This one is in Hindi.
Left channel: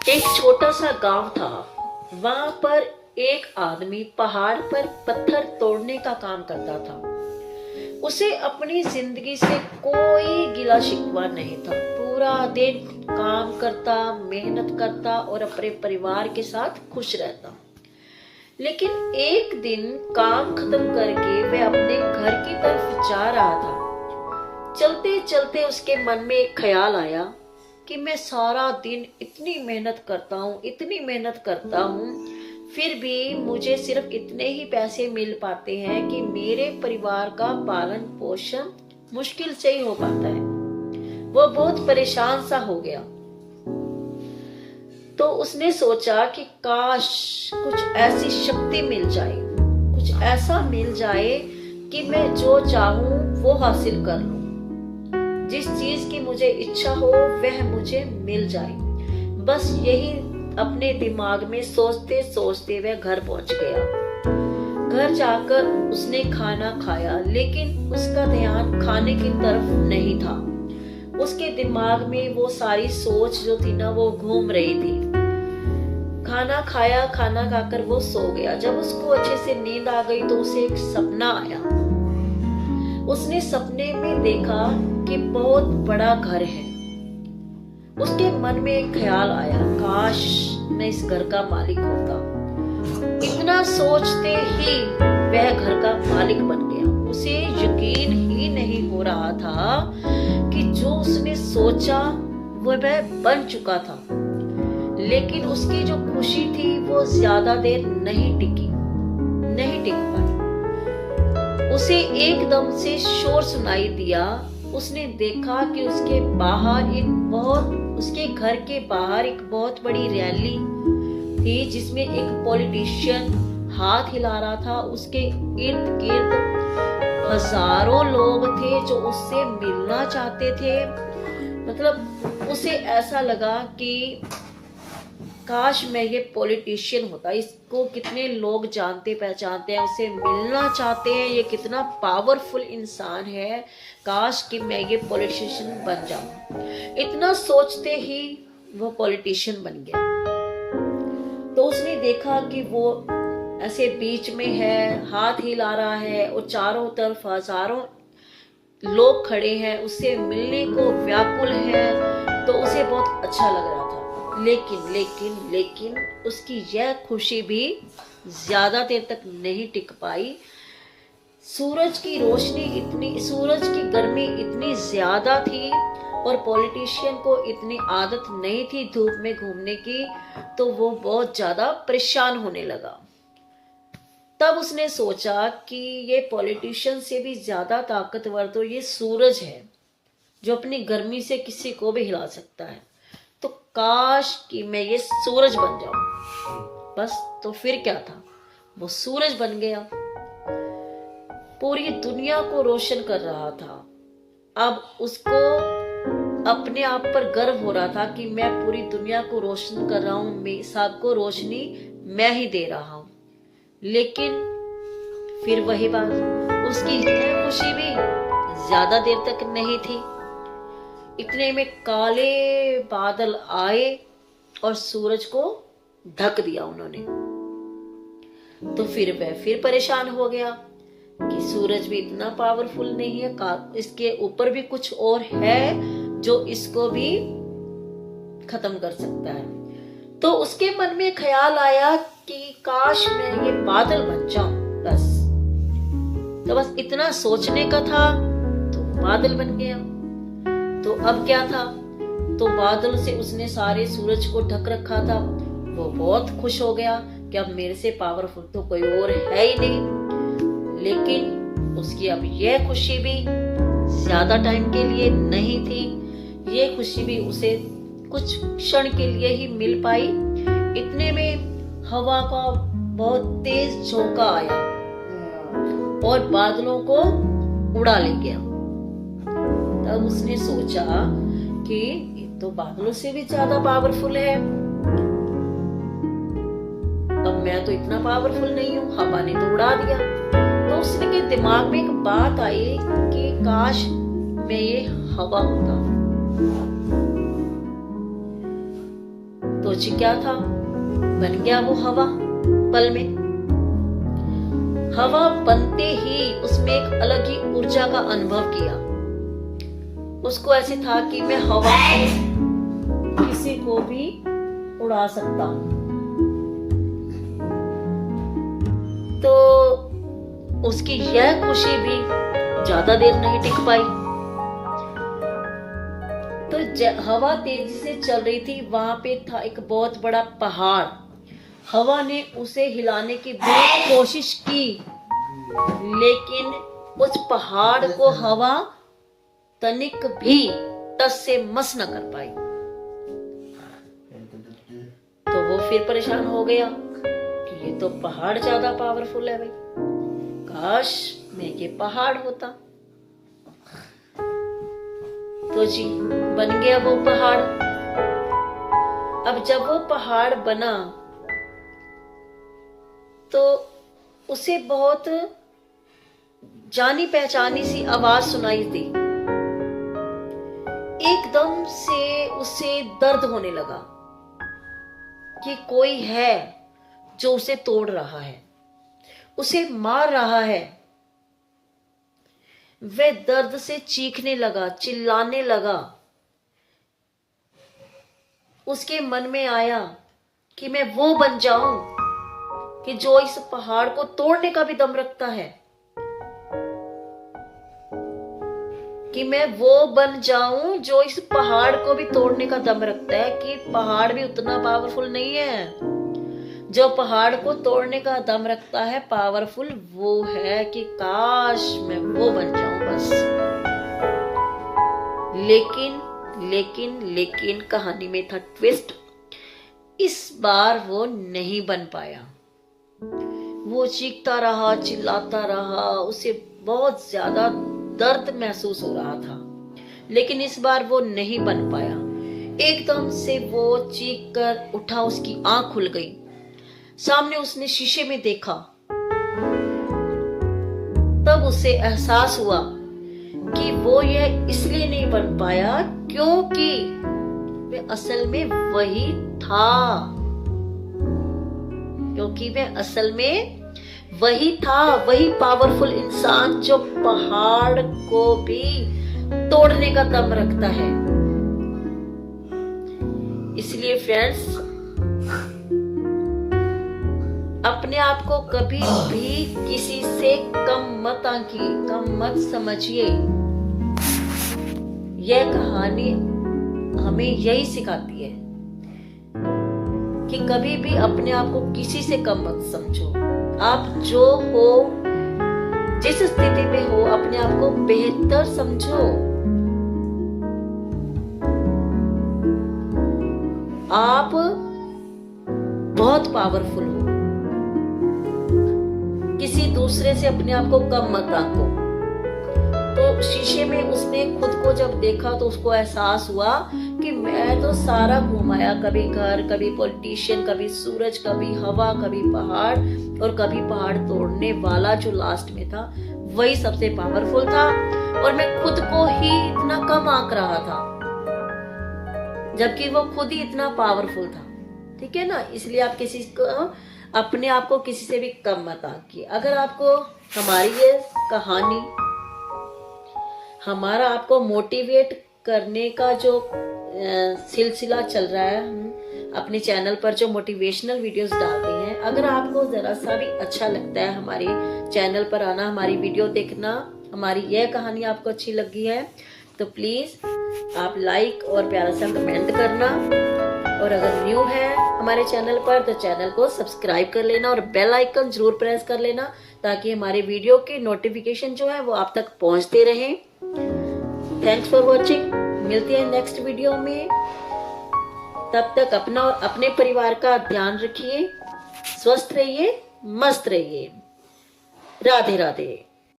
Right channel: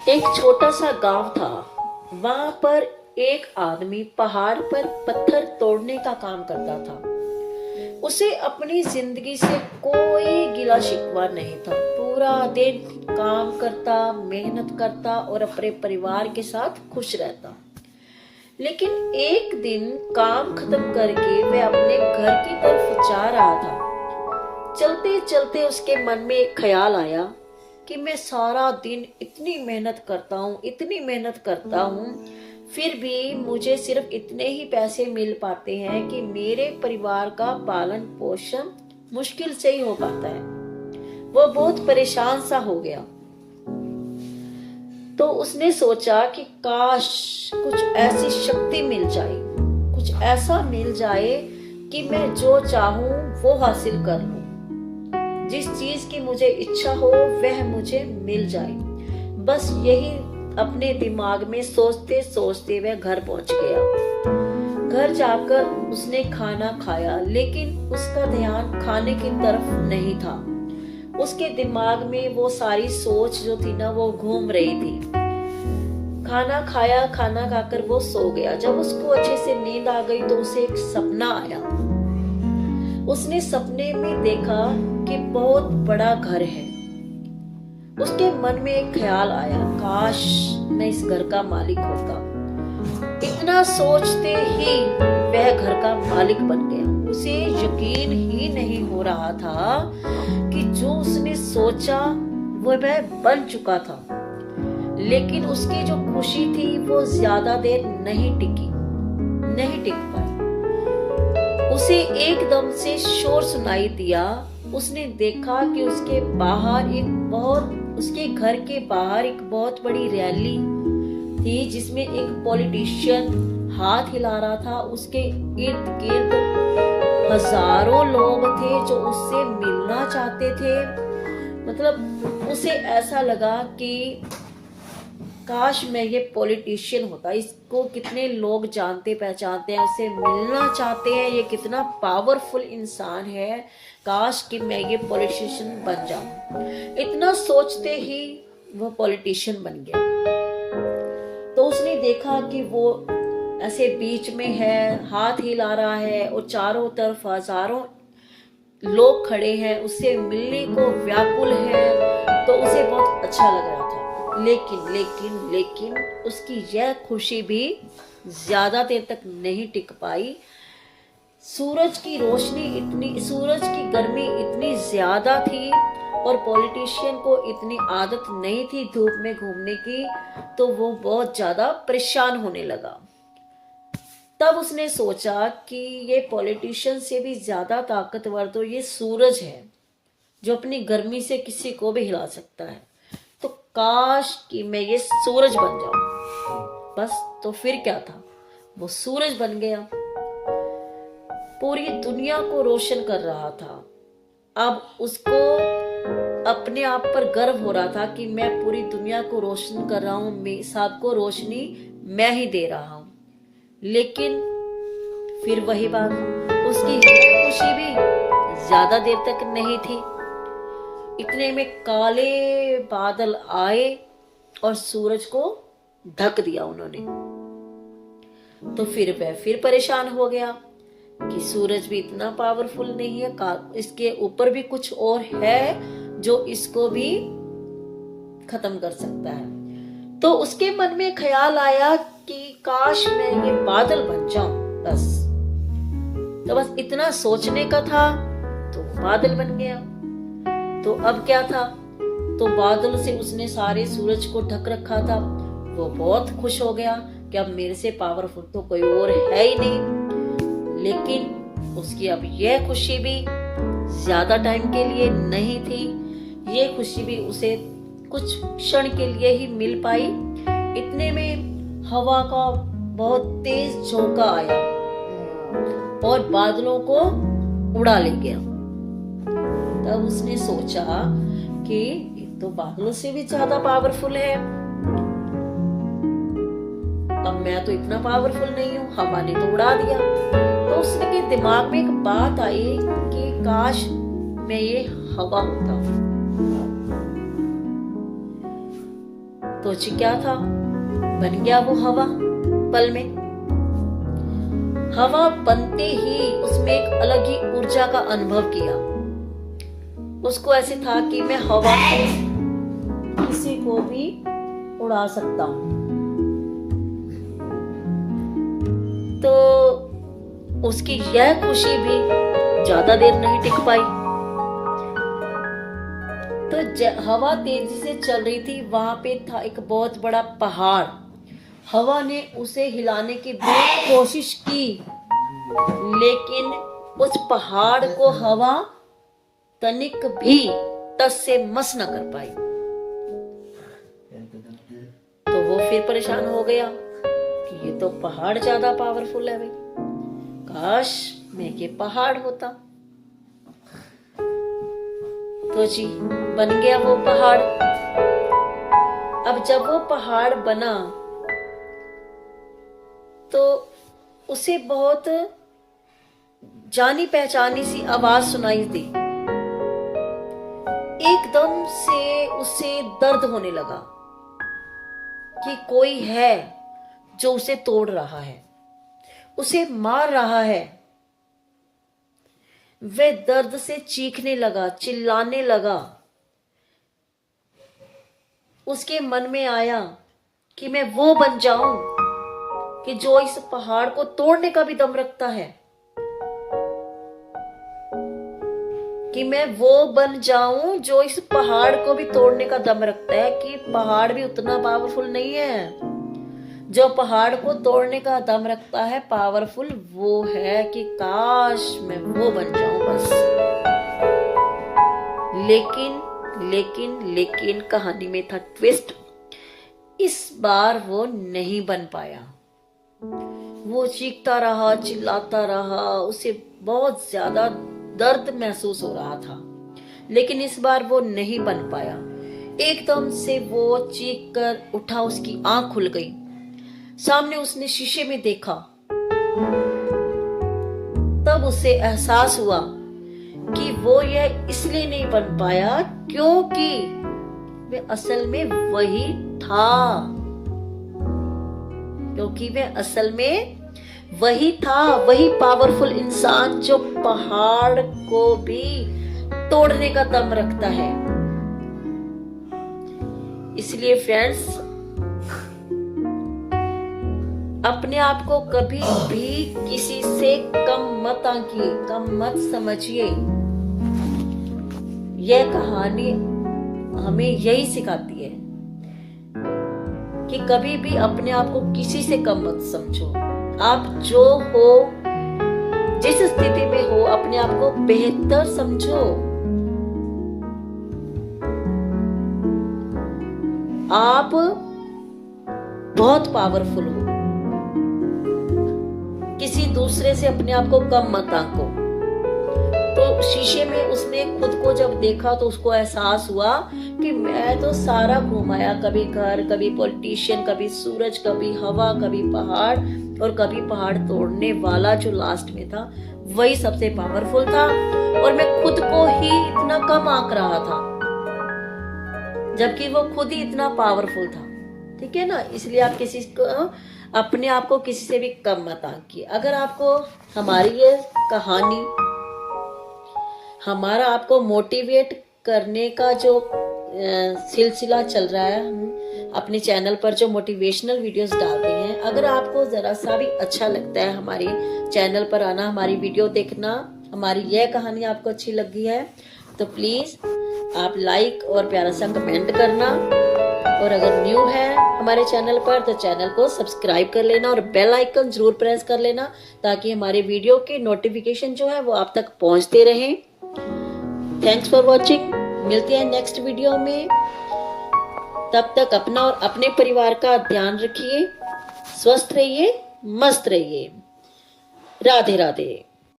एक छोटा सा गांव था। वहां पर एक आदमी पहाड़ पर पत्थर तोड़ने का काम करता था। उसे अपनी जिंदगी से कोई गिला शिकवा नहीं था। पूरा दिन काम करता, मेहनत करता और अपने परिवार के साथ खुश रहता। लेकिन एक दिन काम खत्म करके वह अपने घर की तरफ जा रहा था। चलते चलते उसके मन में एक ख्याल आया कि मैं सारा दिन इतनी मेहनत करता हूँ, इतनी मेहनत करता हूँ, फिर भी मुझे सिर्फ इतने ही पैसे मिल पाते हैं कि मेरे परिवार का पालन पोषण मुश्किल से ही हो पाता है। वो बहुत परेशान सा हो गया। तो उसने सोचा कि काश कुछ ऐसी शक्ति मिल जाए, कुछ ऐसा मिल जाए कि मैं जो चाहूं वो हासिल कर लूं। जिस चीज की मुझे इच्छा हो वह मुझे मिल जाए। बस यही अपने दिमाग में सोचते सोचते वह घर पहुंच गया। घर जाकर उसने खाना खाया, लेकिन उसका ध्यान खाने की तरफ नहीं था। उसके दिमाग में वो सारी सोच जो थी ना, वो घूम रही थी। खाना खाया, खाना खाकर वो सो गया। जब उसको अच्छे से नींद आ गई तो उसे एक सपना आया। उसने सपने में देखा कि बहुत बड़ा घर है। उसके मन में एक ख्याल आया, काश मैं इस घर का मालिक होता। इतना सोचते ही वह घर का मालिक बन गया। उसे यकीन ही नहीं हो रहा था कि जो उसने सोचा वह बन चुका था। लेकिन उसकी जो खुशी थी वो ज्यादा देर नहीं टिक पाई। उसे एकदम से शोर सुनाई दिया। उसने देखा कि उसके घर के बाहर एक बहुत बड़ी रैली थी, जिसमें एक पॉलिटिशियन हाथ हिला रहा था। उसके इर्द गिर्द हजारों लोग थे जो उससे मिलना चाहते थे। मतलब उसे ऐसा लगा कि काश मैं ये पॉलिटिशियन होता। इसको कितने लोग जानते पहचानते हैं, उससे मिलना चाहते हैं, ये कितना पावरफुल इंसान है। काश कि मैं ये पॉलिटिशियन बन जाऊं। इतना सोचते ही वो पॉलिटिशियन बन गया। तो उसने देखा कि वो ऐसे बीच में है, हाथ हिला रहा है और चारों तरफ हजारों लोग खड़े हैं, उससे मिलने को व्याकुल है। तो उसे बहुत अच्छा लग रहा था। लेकिन उसकी यह खुशी भी ज्यादा देर तक नहीं टिक पाई। सूरज की गर्मी इतनी ज्यादा थी और पॉलिटिशियन को इतनी आदत नहीं थी धूप में घूमने की, तो वो बहुत ज्यादा परेशान होने लगा। तब उसने सोचा कि ये पॉलिटिशियन से भी ज्यादा ताकतवर तो ये सूरज है, जो अपनी गर्मी से किसी को भी हिला सकता है। तो काश कि मैं ये सूरज बन जाऊं। बस तो फिर क्या था, वो सूरज बन गया। पूरी दुनिया को रोशन कर रहा था। अब उसको अपने आप पर गर्व हो रहा था कि मैं पूरी दुनिया को रोशन कर रहा हूं, सबको रोशनी मैं ही दे रहा हूं। लेकिन फिर वही बात, उसकी यह खुशी भी ज्यादा देर तक नहीं थी। इतने में काले बादल आए और सूरज को ढक दिया उन्होंने। तो फिर वह फिर परेशान हो गया कि सूरज भी इतना पावरफुल नहीं है, इसके ऊपर भी कुछ और है जो इसको भी खत्म कर सकता है। तो उसके मन में ख्याल आया कि काश मैं ये बादल बन जाऊं। बस इतना सोचने का था तो बादल बन गया। तो अब क्या था, तो बादल से उसने सारे सूरज को ढक रखा था। वो बहुत खुश हो गया कि अब मेरे से पावरफुल तो कोई और है ही नहीं। लेकिन उसकी अब यह खुशी भी ज्यादा टाइम के लिए नहीं थी। ये खुशी भी उसे कुछ क्षण के लिए ही मिल पाई। इतने में हवा का बहुत तेज झोंका आया और बादलों को उड़ा ले गया। तब उसने सोचा कि ये तो बादलों से भी ज्यादा पावरफुल है। अब मैं तो इतना पावरफुल नहीं हूँ, हवा ने तो उड़ा दिया। तो उसके दिमाग में एक बात आई कि काश मैं ये हवा होता। तो जी क्या था, बन गया वो हवा पल में। हवा बनते ही उसमें एक अलग ही ऊर्जा का अनुभव किया। उसको ऐसे था कि मैं हवा को किसी को भी उड़ा सकता हूं। तो उसकी यह खुशी भी ज्यादा देर नहीं टिक पाई। तो हवा तेजी से चल रही थी, वहां पे था एक बहुत बड़ा पहाड़। हवा ने उसे हिलाने की बहुत कोशिश की, लेकिन उस पहाड़ को हवा तनिक भी टस से मस न कर पाई। तो वो फिर परेशान हो गया कि ये तो पहाड़ ज्यादा पावरफुल है भाई, काश मैं ये पहाड़ होता। तो जी बन गया वो पहाड़। अब जब वो पहाड़ बना तो उसे बहुत जानी पहचानी सी आवाज सुनाई दी। एकदम से उसे दर्द होने लगा कि कोई है जो उसे तोड़ रहा है, उसे मार रहा है। वह दर्द से चीखने लगा, चिल्लाने लगा। उसके मन में आया कि मैं वो बन जाऊं कि जो इस पहाड़ को तोड़ने का भी दम रखता है, कि मैं वो बन जाऊं जो इस पहाड़ को भी तोड़ने का दम रखता है। कि पहाड़ भी उतना पावरफुल नहीं है, जो पहाड़ को तोड़ने का दम रखता है पावरफुल वो है। कि काश मैं वो बन जाऊं बस। लेकिन लेकिन लेकिन कहानी में था ट्विस्ट। इस बार वो नहीं बन पाया। वो चीखता रहा, चिल्लाता रहा, उसे बहुत ज्यादा दर्द महसूस हो रहा था, लेकिन इस बार वो नहीं बन पाया। एकदम से वो चीख कर उठा, उसकी आंख खुल गई। सामने उसने शीशे में देखा। तब उसे एहसास हुआ कि वो यह इसलिए नहीं बन पाया क्योंकि वे असल में वही था। क्योंकि वे असल में वही था, वही पावरफुल इंसान जो पहाड़ को भी तोड़ने का दम रखता है। इसलिए फ्रेंड्स, अपने आप को कभी भी किसी से कम मत आंकिए, कम मत समझिए। यह कहानी हमें यही सिखाती है कि कभी भी अपने आप को किसी से कम मत समझो। आप जो हो, जिस स्थिति में हो, अपने आप को बेहतर समझो। आप बहुत पावरफुल हो। किसी दूसरे से अपने आप को कम मत आंको। तो शीशे में उसने खुद को जब देखा तो उसको एहसास हुआ कि मैं तो सारा घुमाया, कभी घर, कभी पॉलिटिशियन, कभी सूरज, कभी हवा, कभी पहाड़, और कभी पहाड़ तोड़ने वाला जो लास्ट में था वही सबसे पावरफुल था। और मैं खुद को ही इतना कम आंक रहा था, जबकि वो खुद ही इतना पावरफुल था। ठीक है ना? इसलिए आप किसी को, अपने आप को किसी से भी कम मत आंकिए। अगर आपको हमारी ये कहानी, हमारा आपको मोटिवेट करने का जो सिलसिला चल रहा है, हम अपने चैनल पर जो मोटिवेशनल वीडियोस डालते हैं, अगर आपको जरा सा भी अच्छा लगता है हमारे चैनल पर आना, हमारी वीडियो देखना, हमारी यह कहानी आपको अच्छी लगी है तो प्लीज आप लाइक और प्यारा सा कमेंट करना। और अगर न्यू है हमारे चैनल पर तो चैनल को सब्सक्राइब कर लेना और बेल आइकन जरूर प्रेस कर लेना, ताकि हमारे वीडियो के नोटिफिकेशन जो है वो आप तक पहुंचते रहें। Thanks for watching. मिलते हैं नेक्स्ट वीडियो में। तब तक अपना और अपने परिवार का ध्यान रखिए। स्वस्थ रहिए, मस्त रहिए। राधे राधे।